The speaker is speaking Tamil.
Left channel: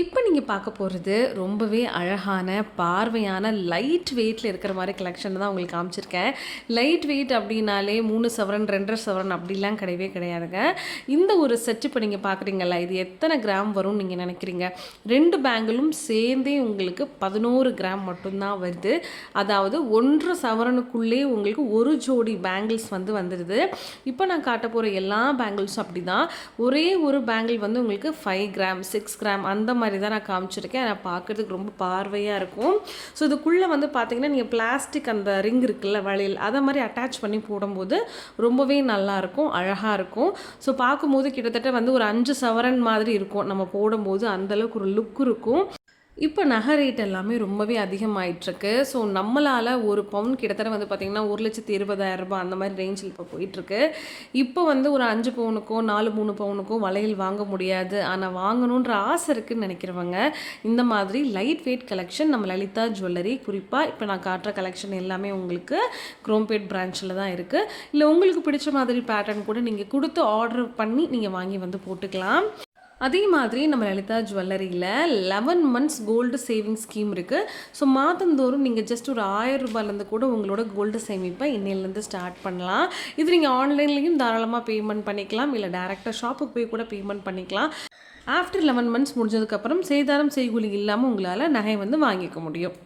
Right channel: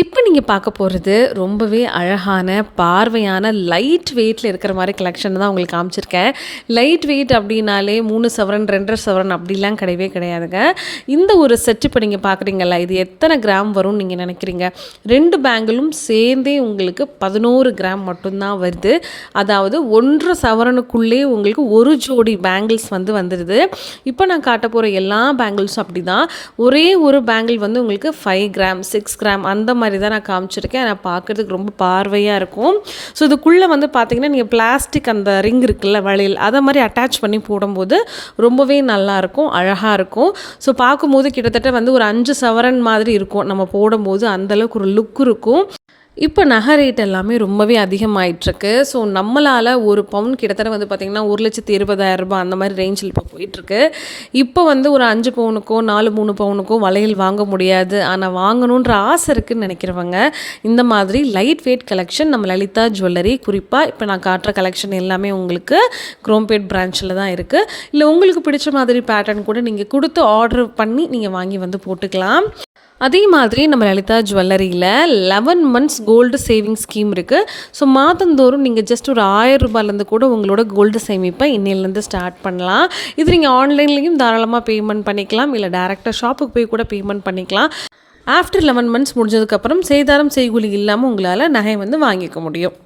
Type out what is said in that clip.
இப்போ நீங்கள் பார்க்க போகிறது ரொம்பவே அழகான பார்வையான லைட் வெயிட்டில் இருக்கிற மாதிரி கலெக்ஷன் தான் உங்களுக்கு காமிச்சிருக்கேன். லைட் வெயிட் அப்படின்னாலே 3 சவரன் 2.5 சவரன் அப்படிலாம் கிடையவே கிடையாதுங்க. இந்த ஒரு செட் இப்போ நீங்கள் பார்க்குறீங்களா, இது எத்தனை கிராம் வரும்னு நீங்கள் நினைக்கிறீங்க? 2 பேங்கிளும் சேர்ந்தே உங்களுக்கு 11 கிராம் மட்டும்தான் வருது. அதாவது 1.5 சவரனுக்குள்ளே உங்களுக்கு ஒரு ஜோடி பேங்கிள்ஸ் வந்துடுது. இப்போ நான் காட்ட போகிற எல்லா பேங்கிள்ஸும் அப்படி தான். ஒரே ஒரு பேங்கிள் வந்து உங்களுக்கு 5 கிராம் 6 கிராம் அந்த மாதிரி தான் நான் காமிச்சிருக்கேன். நான் பார்க்குறதுக்கு ரொம்ப பார்வையாக இருக்கும். ஸோ இதுக்குள்ளே வந்து பார்த்திங்கன்னா நீங்கள் பிளாஸ்டிக் அந்த ரிங் இருக்குல்ல வளையல், அதை மாதிரி அட்டாச் பண்ணி போடும்போது ரொம்பவே நல்லாயிருக்கும், அழகாக இருக்கும். ஸோ பார்க்கும்போது கிட்டத்தட்ட வந்து ஒரு 5 சவரன் மாதிரி இருக்கும். நம்ம போடும்போது அந்தளவுக்கு ஒரு லுக் இருக்கும். இப்போ நகை ரேட் எல்லாமே ரொம்பவே அதிகமாகிட்டுருக்கு. ஸோ நம்மளால் ஒரு பவுன் கிட்டத்தட்ட வந்து பார்த்திங்கன்னா 1,20,000 அந்த மாதிரி ரேஞ்சில் இப்போ போயிட்டுருக்கு. இப்போ வந்து ஒரு 5 பவுனுக்கோ 3 பவுனுக்கோ வளையல் வாங்க முடியாது. ஆனால் வாங்கணுன்ற ஆசை இருக்குதுன்னு நினைக்கிறவங்க இந்த மாதிரி லைட் வெயிட் கலெக்ஷன் நம்ம லலிதா ஜுவல்லரி, குறிப்பாக இப்போ நான் காட்டுற கலெக்ஷன் எல்லாமே உங்களுக்கு குரோம்பேட் பிரான்ச்சில் தான் இருக்குது. இல்லை உங்களுக்கு பிடிச்ச மாதிரி பேட்டர்ன் கூட நீங்கள் கொடுத்து ஆர்டர் பண்ணி நீங்கள் வாங்கி வந்து போட்டுக்கலாம். அதே மாதிரி நம்ம லலிதா ஜுவல்லரியில் 11 மந்த்ஸ் கோல்டு சேவிங் ஸ்கீம் இருக்குது. ஸோ மாதந்தோறும் நீங்கள் ஜஸ்ட் ஒரு 1000 ரூபாயிலேருந்து கூட உங்களோட கோல்டு சேமிப்பை இன்னையிலேருந்து ஸ்டார்ட் பண்ணலாம். இது நீங்கள் ஆன்லைன்லேயும் தாராளமாக பேமெண்ட் பண்ணிக்கலாம், இல்லை டேரெக்டாக ஷாப்புக்கு போய் கூட பேமெண்ட் பண்ணிக்கலாம். ஆஃப்டர் 11 மந்த்ஸ் முடிஞ்சதுக்கப்புறம் சேதாரம் செய்கூலி இல்லாமல் உங்களால் நகை வந்து வாங்கிக்க முடியும்.